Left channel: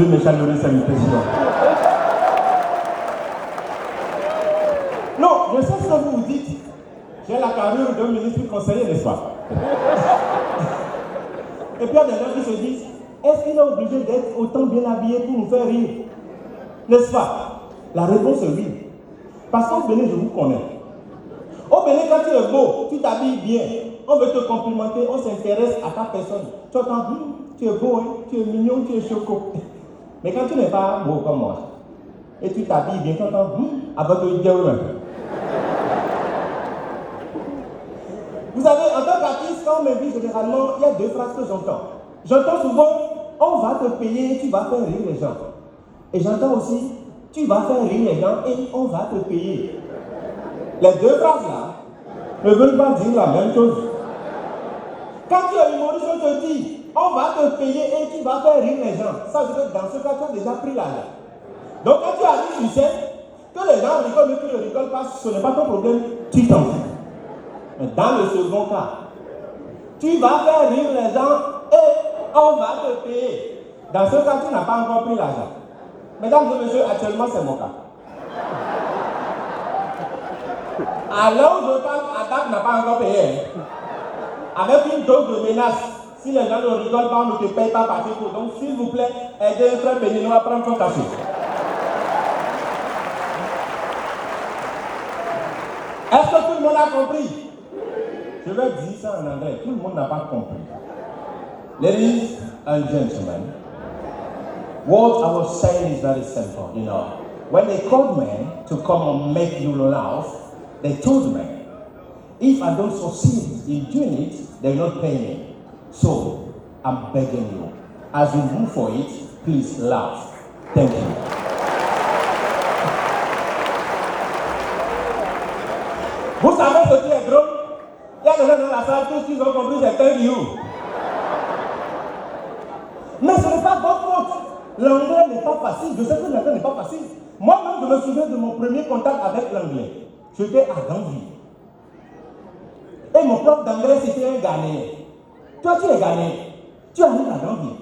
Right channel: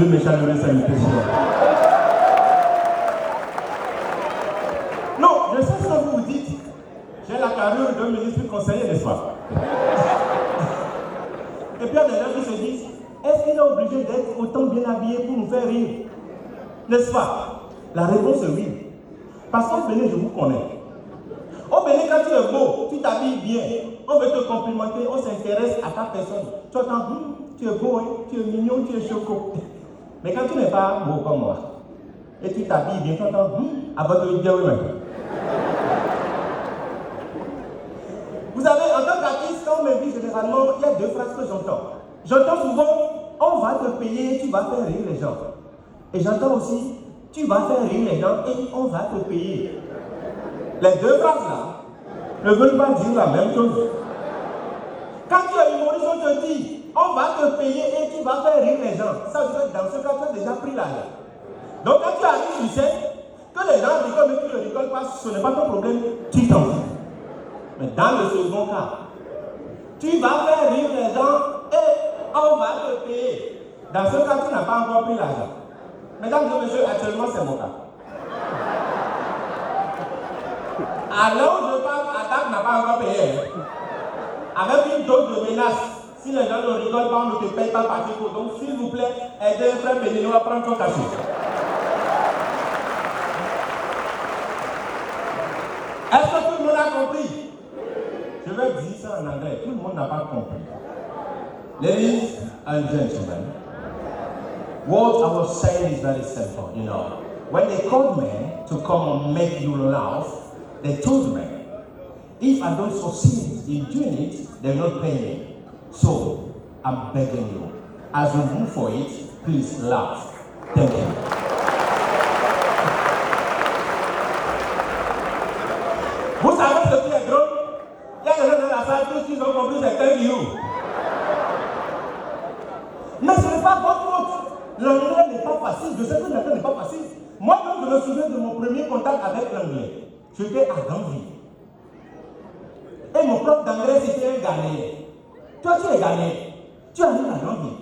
Mes chaleureuses salutations. Non, je sais ce que vous vous dites. J'ai la carrure d'un ministre conseiller, n'est-ce pas? Et puis il y a des gens qui se disent, est-ce qu'il est obligé d'être autant bien habillé pour nous faire rire? N'est-ce pas? La réponse est oui. Parce qu'au Bénin, je vous connais. Au Bénin, quand tu es beau, tu t'habilles bien, on veut te complimenter, on s'intéresse à ta personne. Tu entends, tu es beau, hein? Tu es mignon, tu es choco. Mais quand tu n'es pas beau comme moi, et tu t'habilles bien, tu entends, avant de dire vous savez, en tant qu'artiste, quand on m'invite généralement, il y a deux phrases que j'entends. J'entends souvent, on va te payer et tu vas faire rire les gens. Et j'entends aussi, tu vas faire rire les gens et on va te payer. Les deux phrases-là ne veulent pas dire la même chose. Quand tu es humoriste, on te dit, on va te payer et tu vas faire rire les gens. Ça veut dire que dans ce cas, tu as déjà pris l'argent. Donc quand tu arrives sur scène, que les gens rigolent et que ne rigolent pas, ce n'est pas ton problème, tu t'en fous. Mais dans le second cas, tu vas faire rire les gens et on va te payer. Dans ce cas, tu n'as pas encore pris l'argent. Mesdames et messieurs, actuellement, c'est mon cas. Alors, je pense qu'Adam n'a pas encore payé. Avec une dose de menace, si les gens ne rigolent pas, on ne te paye pas par tout. Donc, s'il vous plaît, aidez un frère béninois à prendre son cachet. Est-ce que tout le monde a compris? Je vais dire ça en anglais. Tout le monde n'a pas compris. Ladies and gentlemen, what I was saying is very simple. You know, when they called me to come and make you laugh, they told me, if I don't succeed in doing it, they will not pay me. So, I'm begging you, as you move for it, please laugh. Thank you. Vous savez ce qui est drôle? Il y a des gens dans la salle, tous qui ont compris, c'est thank you. Mais ce n'est pas votre faute. L'anglais n'est pas facile. Je sais que l'anglais n'est pas facile. Moi-même, je me souviens de mon premier contact avec l'anglais. J'étais à Gambie. Et mon prof d'anglais, c'était un Ghanéen. Toi, tu es Ghanéen. Tu arrives à Gambie.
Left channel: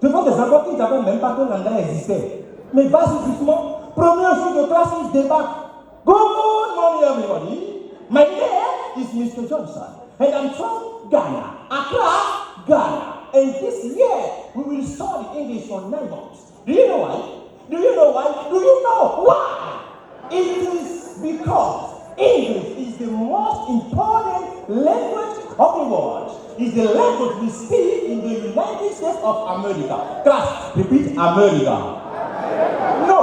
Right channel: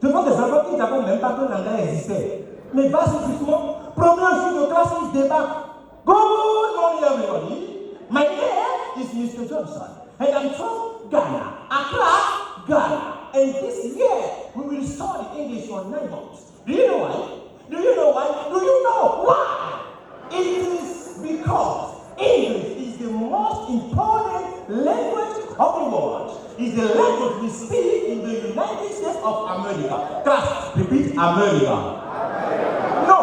Devant des enfants qui ne savaient même pas que l'anglais existait. Mais basiquement, premier jour de classe, ils débarquent. Good morning, everybody. My name is Mr. Johnson, and I'm from Ghana, Accra, Ghana. And this year, we will study English for 9 months. Do you know why? Do you know why? Do you know why? It is because English is the most important language of the world. It's the language we speak in the United States of America. Class, repeat America. No,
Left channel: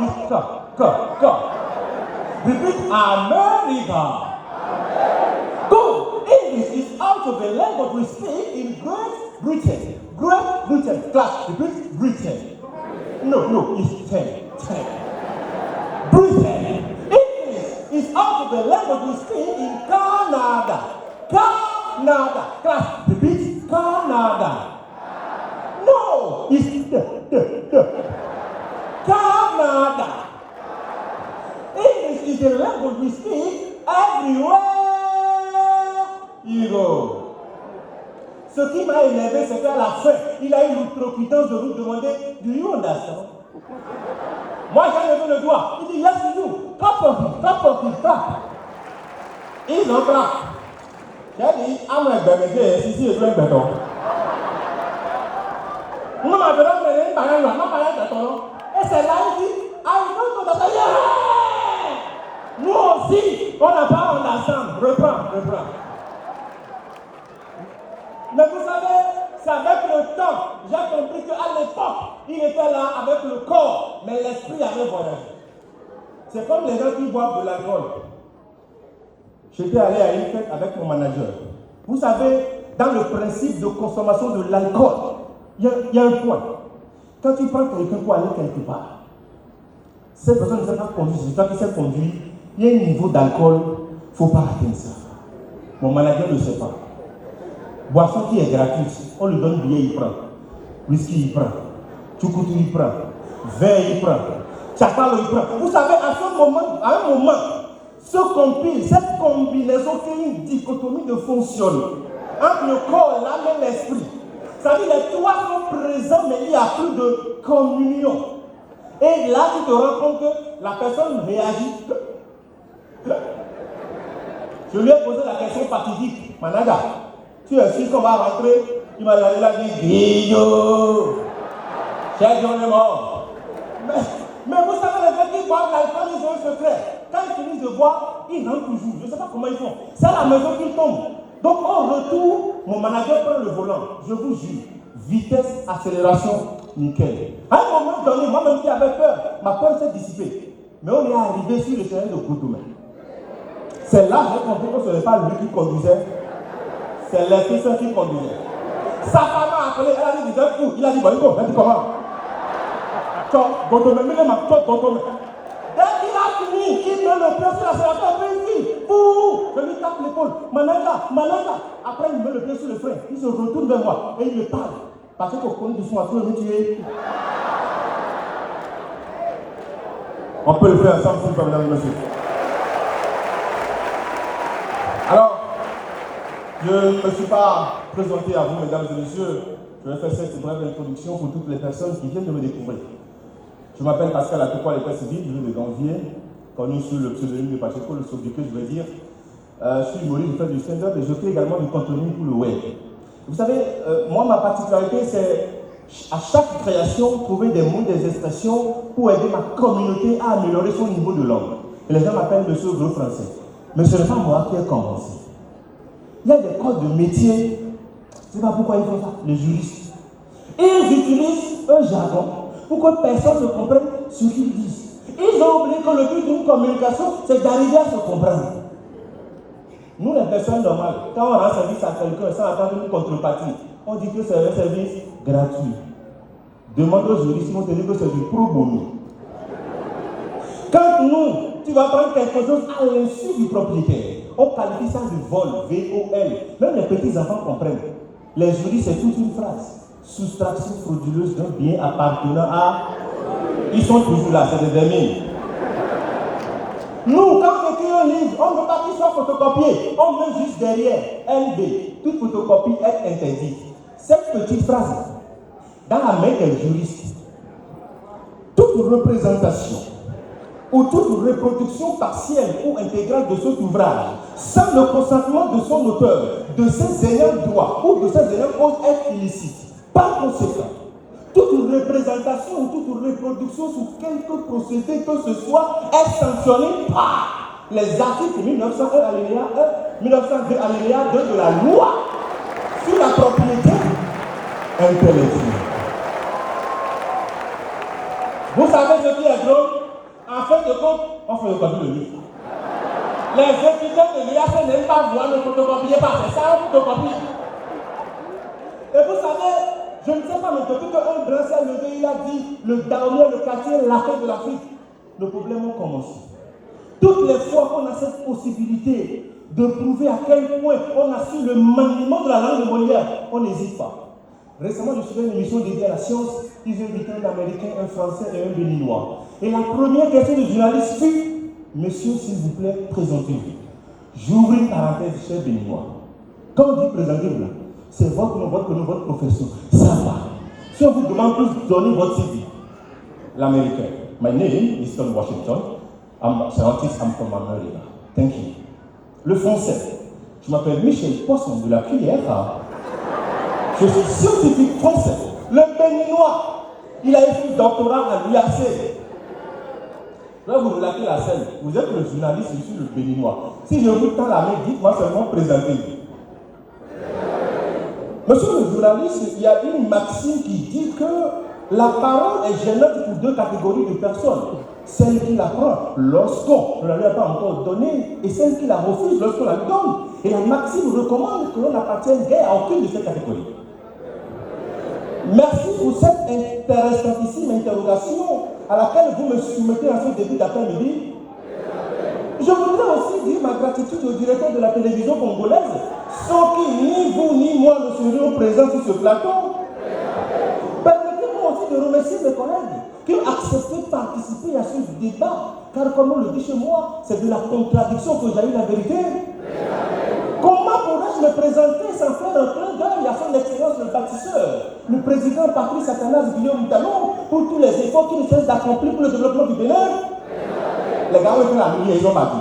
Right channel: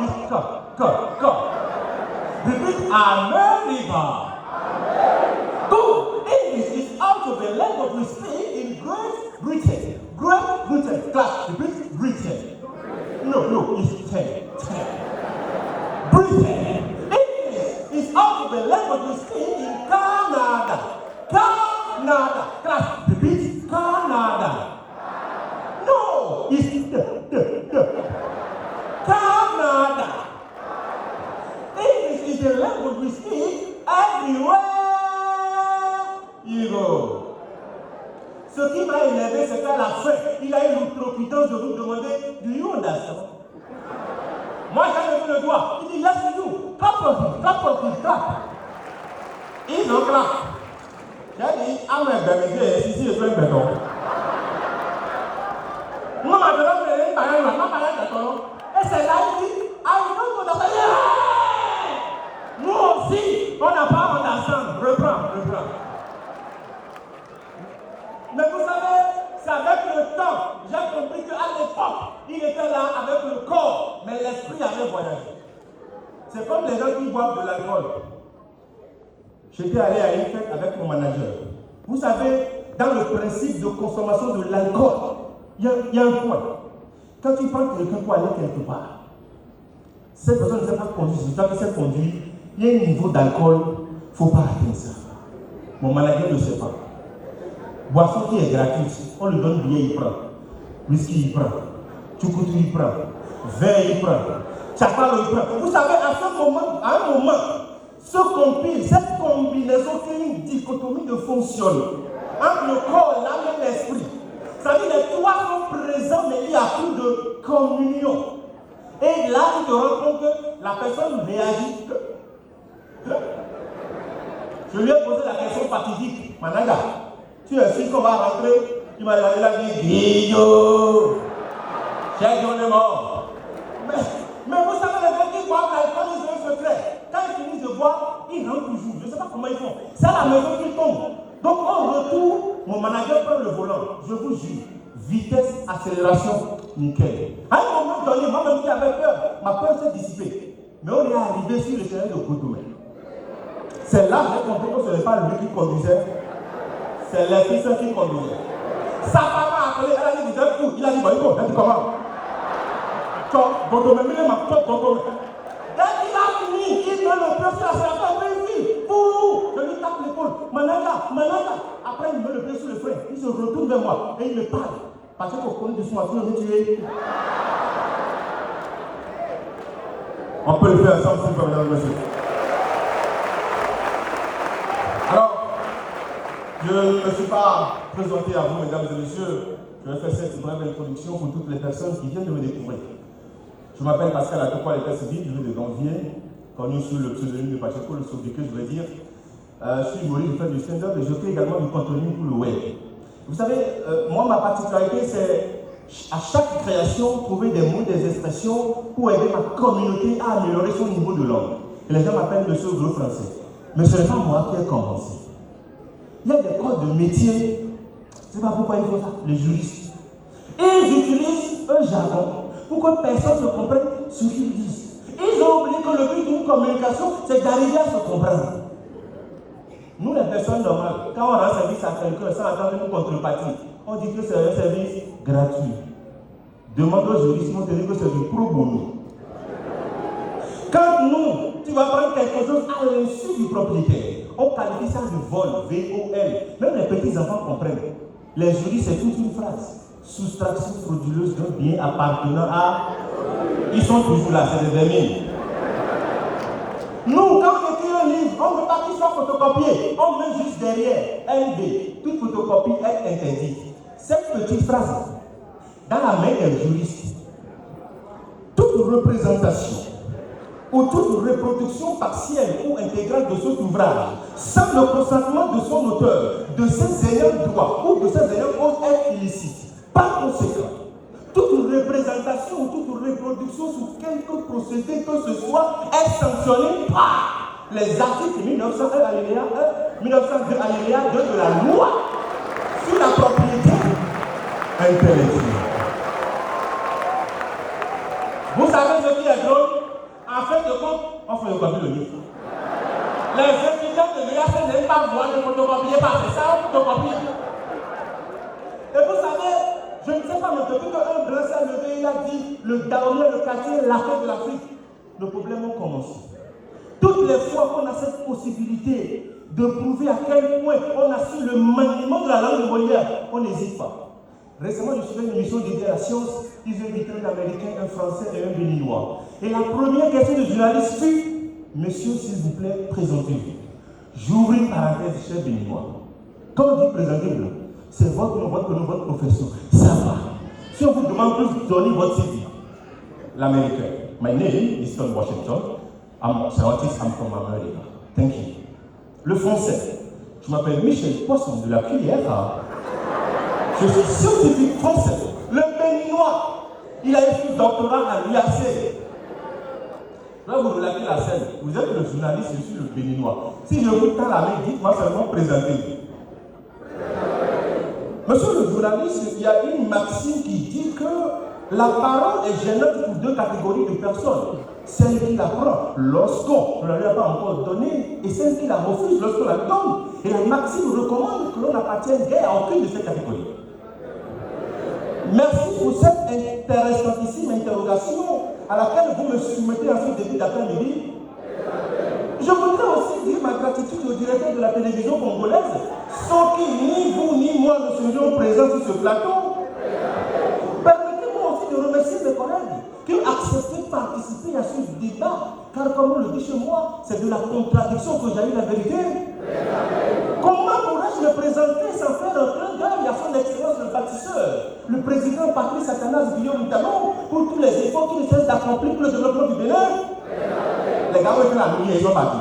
it's come. Repeat America. Good. English is also the language we speak in Great Britain. Great Britain. Class, repeat Britain. No, it's 10. Britain. English is also the language we speak in Canada. Canada. Class, repeat Canada. No, it's Canada. English is the language we speak everywhere you go. Ce qui m'a énervé, c'est qu'à la fin, il a eu l'outrecuidance de vous demander, do you understand? Moi, j'ai levé le doigt. Il dit, yes, you do. Clap. Il n'en clap. J'ai dit, I'm a baby, ici, je vais un béton. Non, ma béton, je vais un béton. Et c'est là où il dit, I want to understand. Nous aussi, on n'a pas ensemble. Reprends. Mais vous savez, c'est avec le temps, j'ai compris qu'à l'époque, il était là avec le corps, mais l'esprit avait voyagé. C'est comme les gens qui boivent de l'alcool. J'étais allé à une fête avec mon manager. Vous savez, dans le principe de consommation de l'alcool, il y a un point. Quand tu prends quelqu'un pour aller quelque part, cette personne ne sait pas conduire, si toi qui sais conduire, il y a un niveau d'alcool, il ne faut pas atteindre ça. Mon manager ne sait pas. Boisson qui est gratuite, on lui donne billet, il prend. Whisky, il prend. Tchoukoutou, il prend. Vin, il prend. Chakalo, il prend. Vous savez, à un moment, cette combinaison fait une dichotomie de fonction entre le corps, l'âme et l'esprit. Ça veut dire les trois sont présents, mais il n'y a plus de communion. Et là, tu te rends compte que la personne réagit. Je lui ai posé la question fatidique. Managa, tu es sûr qu'on va rentrer? Il m'a dit, Guillaume, j'ai donné mort. Mais vous savez, les gens qui boivent l'alcool, ils ont un secret. Quand ils finissent de boire, ils rentrent toujours. Je ne sais pas comment ils font. C'est à la maison qu'ils tombent. Donc, en retour, mon manager prend le volant. Je vous jure, vitesse, accélération, nickel. À un moment donné, moi-même qui avais peur, ma peur s'est dissipée. Mais on est arrivé sur le terrain de Cotonou. C'est là que j'ai compris que ce n'est pas lui qui conduisait, c'est l'esprit saint qui conduisait. Sa femme a appelé, elle a dit, il a dit, bon, il dit comment? Dès qu'il a fini, il prend le pied sur la serpente, il dit, je lui tape l'épaule, Managa. Après, il met le pied sur le frein, il se retourne vers moi et il me parle. Parce qu'au compte de son affaire, on est tué. On peut le faire ensemble, s'il vous plaît, monsieur. Alors, je ne me suis pas présenté à vous, mesdames et messieurs. Je vais faire cette brève introduction pour toutes les personnes qui viennent de me découvrir. Je m'appelle Pascal Atoupa, l'état civil, je viens de Ganvier, connu sous le pseudonyme de Pacheco, le sobriquet, je vais dire. Je suis humoriste, je fais du stand-up et je fais également du contenu pour le web. Vous savez, moi, ma particularité, c'est à chaque création, trouver des mots, des expressions pour aider ma communauté à améliorer son niveau de langue. Et les gens m'appellent monsieur gros français. Mais ce n'est pas moi qui ai commencé. Il y a des codes de métier, je ne sais pas pourquoi ils font ça, les juristes. Ils utilisent un jargon pour que personne ne comprenne ce qu'ils disent. Ils ont oublié que le but d'une communication, c'est d'arriver à se comprendre. Nous, les personnes normales, quand on rend service à quelqu'un sans attendre une contrepartie, on dit que c'est un service gratuit. Demande aux juristes, ils vont te dire que c'est du pro bono. Quand nous, tu vas prendre quelque chose à l'insu du propriétaire, on qualifie ça de vol, V-O-L. Même les petits enfants comprennent. Les juristes, c'est toute une phrase. Soustraction frauduleuse d'un bien appartenant à... Ils sont toujours là, c'est des vermines. Nous, quand on écrit un livre, on ne veut pas qu'il soit photocopié. On met juste derrière LB. Toute photocopie est interdite. Cette petite phrase, dans la main des juristes, toute représentation ou toute reproduction partielle ou intégrale de cet ouvrage, sans le consentement de son auteur, de ses ayants droit ou de ses ayants cause est illicite. Par conséquent, toute représentation ou toute reproduction sous quelque procédé que ce soit est sanctionnée par les articles 1901 alinéa 1, 1902 alinéa 2 de la loi sur la propriété intellectuelle. Vous savez ce qui est drôle? En fait de compte, on photocopie le livre. Les étudiants de l'IAC n'aiment pas voir le photocopier par c'est ça, on photocopie. Et vous savez, je ne sais pas, mais depuis qu'un grand s'est levé, il a dit le Dahomey, le quartier, la fête de l'Afrique. Le problème a commencé. Toutes les fois qu'on a cette possibilité de prouver à quel point on a su le maniement de la langue de Molière, on n'hésite pas. Récemment, je suivais une émission dédiée à la science. Ils ont invité un Américain, un Français et un Béninois. Et la première question du journaliste fut: Monsieur, s'il vous plaît, présentez-vous. J'ouvre une parenthèse, cher Béninois. Quand on dit présentez-vous, c'est votre nom, votre profession. Ça va. Si on vous demande plus, donnez votre CV. L'Américain. My name is Tom Washington. I'm a scientist, I'm from America. Thank you. Le Français. Je m'appelle Michel Poisson de la cuillère. Je suis scientifique français. Le Béninois, il a fait un doctorat à l'UAC. Là, vous relatez la scène. Vous êtes le journaliste, je suis le Béninois. Si je vous prends la main, dites-moi seulement présentez-vous. Monsieur le journaliste, il y a une maxime qui dit que la parole est gênante pour deux catégories de personnes. Celle qui la prend lorsqu'on ne l'a pas encore donnée et celle qui la refuse lorsqu'on la donne. Et la maxime recommande que l'on n'appartienne à aucune de ces catégories. Merci pour cette intéressantissime interrogation à laquelle vous me soumettez à ce début d'après-midi. Je voudrais aussi dire ma gratitude au directeur de la télévision congolaise, sans qui ni vous ni moi ne serions présents sur ce plateau. Permettez-moi aussi de remercier mes collègues qui ont accepté de participer à ce débat, car comme on le dit chez moi, c'est de la contradiction que j'ai eu la vérité. Comment pourrais-je me présenter sans faire un clin d'œil à son excellence le bâtisseur, les efforts qu'ils cessent d'accomplir pour le développement du Bénin. Les gars, ils font la nuit et ils ont parti.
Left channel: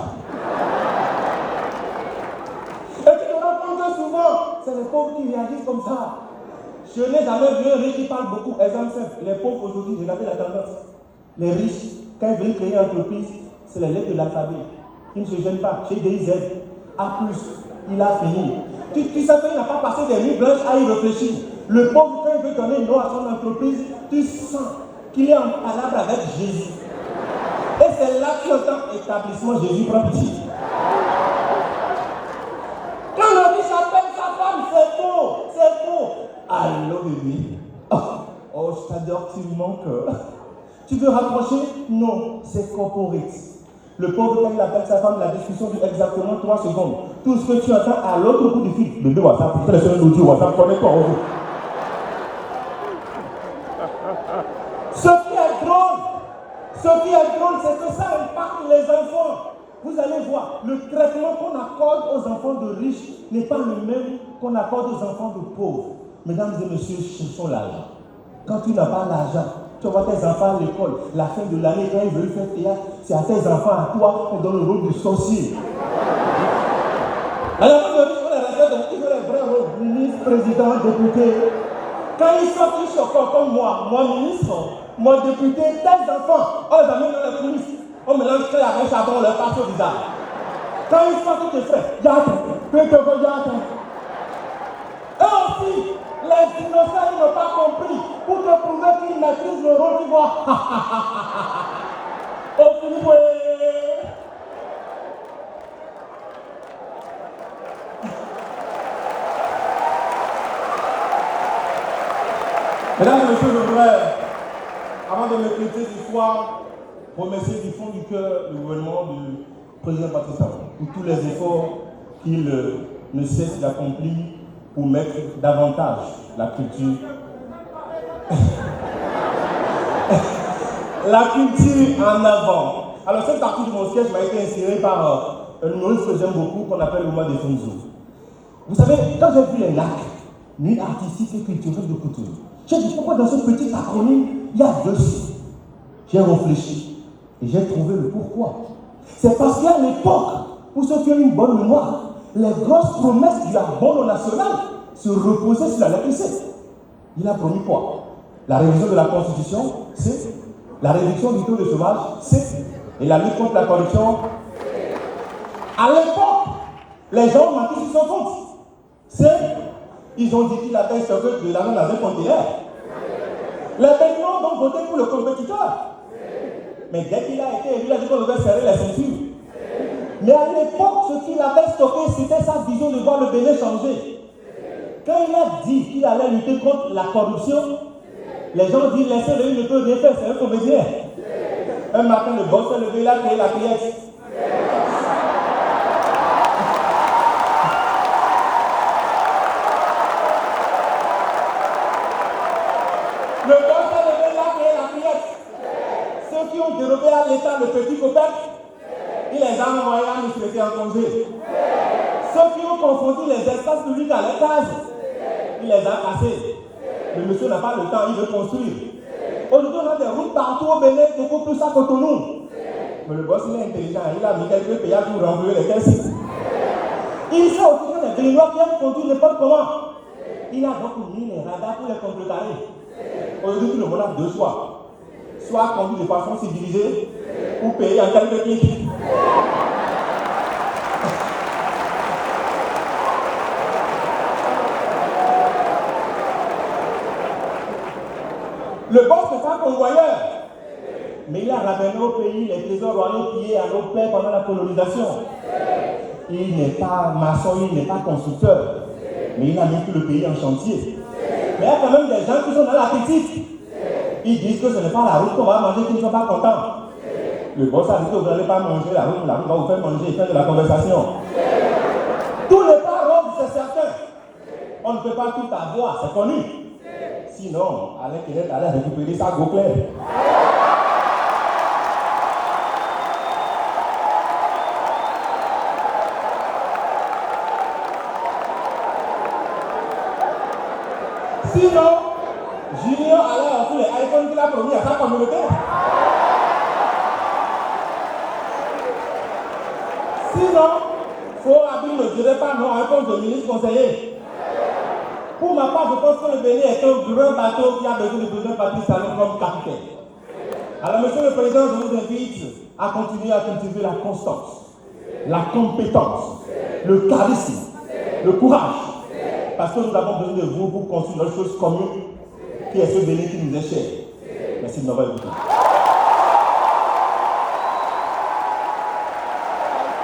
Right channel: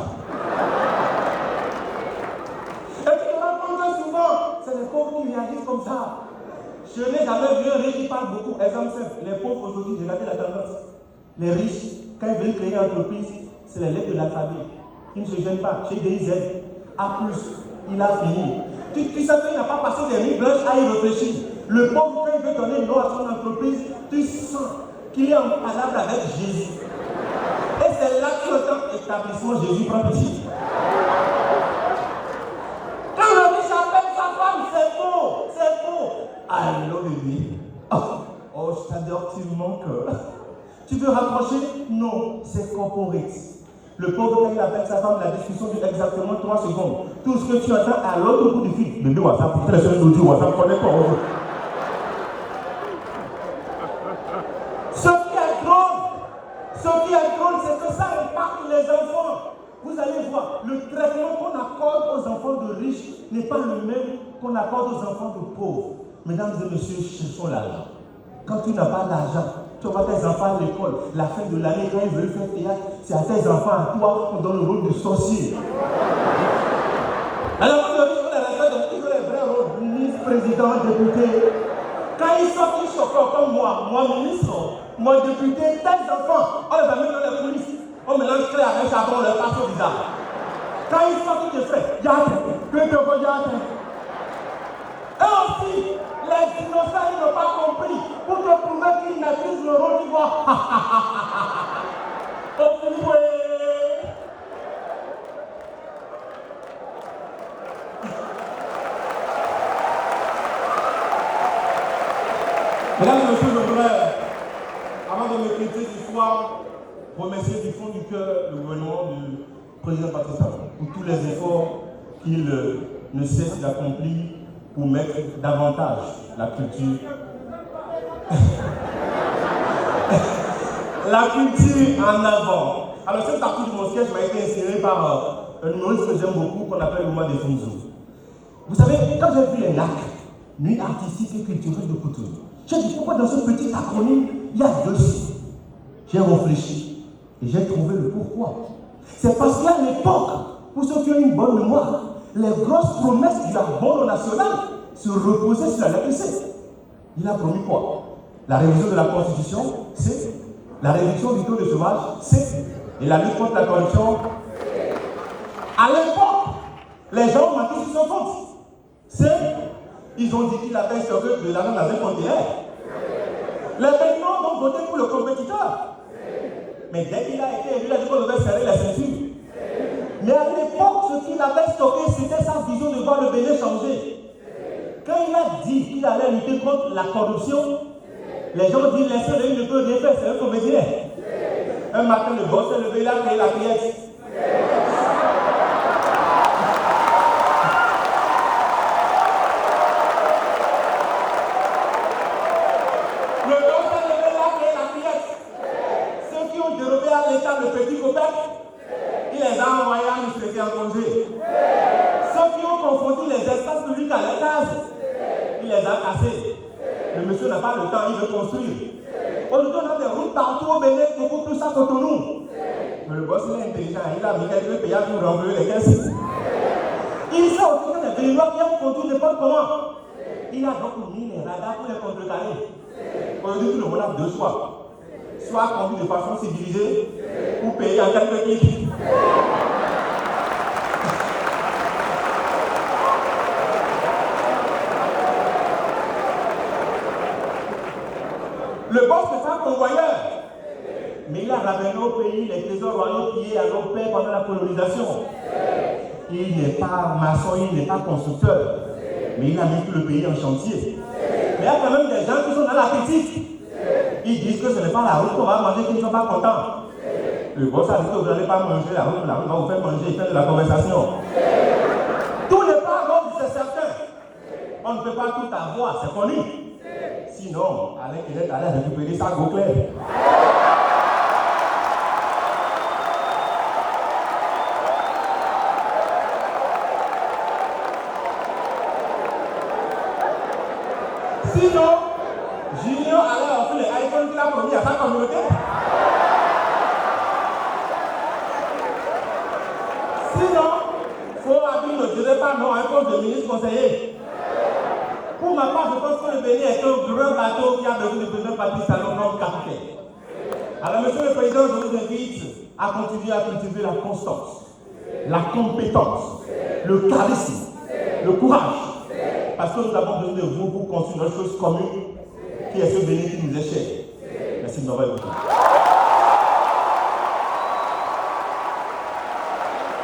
Et puis, on entend souvent, c'est les pauvres qui réagissent comme ça. Je n'ai jamais vu un riche qui parle beaucoup. Exemple simple, les pauvres aujourd'hui, regardez la tendance. Les riches, quand ils veulent créer une entreprise, c'est les lettres de l'alphabet. Ils ne se gênent pas. Chez DIZ, A+, il a fini. Tu sais qu'il n'a pas passé des nuits blanches à y réfléchir. Le pauvre, quand il veut donner une nom à son entreprise, tu sens qu'il est en palabre avec Jésus. Et c'est là que notre établissement Jésus prend pitié. Quand le riche appelle sa femme, c'est faux, c'est faux. Allô bébé. Oh, je t'adore, tu me manques. Tu veux rapprocher? Non, c'est corporate. Le pauvre, quand il appelle sa femme, la discussion dure exactement 3 secondes. Tout ce que tu attends à l'autre bout du fil. Bébé, WhatsApp, très seul audio, WhatsApp, connecte-toi au jeu. Ce qui est drôle, c'est que ça impacte les enfants. Vous allez voir, le traitement qu'on accorde aux enfants de riches n'est pas le même qu'on accorde aux enfants de pauvres. Mesdames et messieurs, cherchons l'argent. Quand tu n'as pas d'argent, tu vois tes enfants à l'école, la fin de l'année, quand ils veulent faire théâtre, c'est à tes enfants, à toi, qu'on donne le rôle du sorcier. Alors, quand on dit qu'il veut les vrais rôles, ministre, président, député, quand ils sortent, ils choquent comme moi ministre, moi député, tes enfants, oh, les amis, on les ministres, on mélange très avec ça, on leur passe au visage. Quand ils sortent, ils te font, y'a et aussi, les innocents n'ont pas compris. Pour te prouver qu'ils maîtrisent le rôle, ils vont Mesdames et messieurs, je voudrais, avant de me quitter du soir, remercier du fond du cœur le gouvernement du président Patrice Talon pour tous les efforts qu'il ne cesse d'accomplir pour mettre davantage la culture en avant. Alors cette partie de mon sketch a été inspirée par un humoriste que j'aime beaucoup qu'on appelle le mois des Fonzo. Vous savez, quand j'ai vu les lacs, nuit artistique et culturelle de Cotonou, j'ai dit pourquoi dans ce petit acronyme, il y a 2 C. J'ai réfléchi et j'ai trouvé le pourquoi. C'est parce qu'à l'époque, pour ceux qui ont une bonne mémoire, les grosses promesses du Abonnement national se reposaient sur la lettre C. Il a promis quoi? La révision de la Constitution, C. La réduction du taux de chômage, C. Et la lutte contre la corruption. À l'époque, les gens ont marqué sur son compte. C. Ils ont dit qu'il avait stocké de l'argent dans un compte hier. Les Béninois vont voter pour le compétiteur. Mais dès qu'il a été élu, il a dit qu'on devait serrer les ceintures. Mais à l'époque, ce qu'il avait stocké, c'était sa vision de voir le Bénin changer. Quand il a dit qu'il allait lutter contre la corruption, les gens disent laissez-le, il ne peut rien faire, c'est un comédien. Un matin, le boss s'est levé, il a créé la pièce. Le boss s'est levé, il a créé la pièce. Ceux qui ont dérobé à l'État le petit copain, il les a envoyés à nous en congé. Ceux qui ont confondu les espaces publics à l'étage, il les a cassés. Le monsieur n'a pas le temps, il veut construire. Aujourd'hui, on a des routes partout au Bénin, beaucoup plus à Cotonou. Mais le boss, il est intelligent, il a mis quelques pays pour remplir les caisses. Il sait aussi que les Béninois viennent conduire n'importe comment. Il a donc mis les radars pour les contrecarrer. Aujourd'hui, tout le monde a 2 choix. Soit conduire de façon civilisée, ou payer en quelques clics. Le boss n'est pas convoyeur, mais il a ramené au pays les trésors royaux pillés à nos pères pendant la colonisation. Il n'est pas maçon, il n'est pas constructeur, mais il a mis tout le pays en chantier. Mais il y a quand même des gens qui sont dans la critique. Ils disent que ce n'est pas la route qu'on va manger, qu'ils ne sont pas contents. Le boss a dit que vous n'allez pas manger la route va vous faire manger et faire de la conversation. Tout n'est pas rose, c'est certain. On ne peut pas tout avoir, c'est connu. Sinon, Alain Kenneth allait récupérer sa go claire. Sinon, Junior allait offrir les iPhones qu'il a promis à sa communauté. Sinon, je ne dirais pas non à un poste de ministre conseiller. Pour ma part, je pense que le Bénin est un grand bateau qui a besoin de président Patrice Talon comme capitaine. Alors, monsieur le Président, je vous invite à continuer à cultiver la constance, la compétence, le charisme, le courage. Parce que nous avons besoin de vous pour construire une chose commune qui est ce Bénin qui nous est cher. Merci de m'avoir écouté.